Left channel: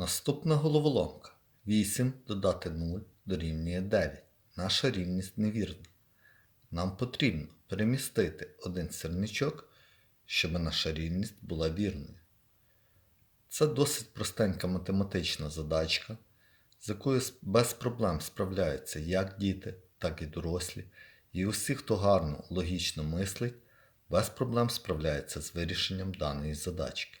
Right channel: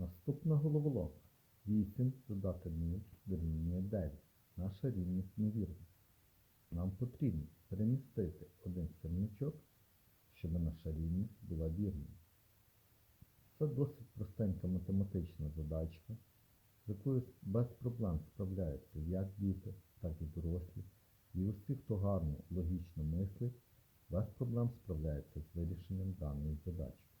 Наступна головоломка. 8 додати 0 дорівнює 9. Наша рівність невірна. Нам потрібно перемістити один сірничок, щоб наша рівність була вірною. Це досить простенька математична задачка, з якою без проблем справляються як діти, так і дорослі, і усі, хто гарно логічно мислить, без проблем справляється з вирішенням даної задачки.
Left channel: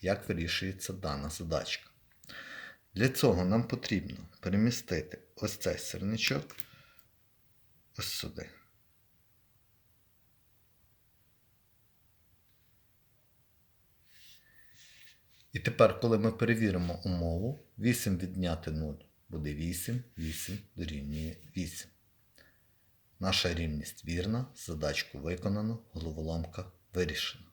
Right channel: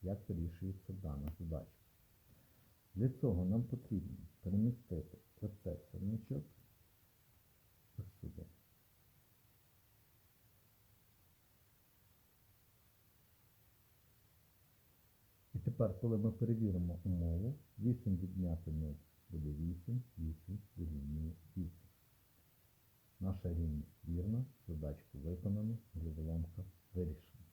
Як вирішується дана задачка? Для цього нам потрібно перемістити ось цей сірничок ось сюди. І тепер, коли ми перевіримо умову, 8 відняти 0 буде 8, 8 дорівнює 8. Наша рівність вірна, задачку виконано, головоломка вирішена.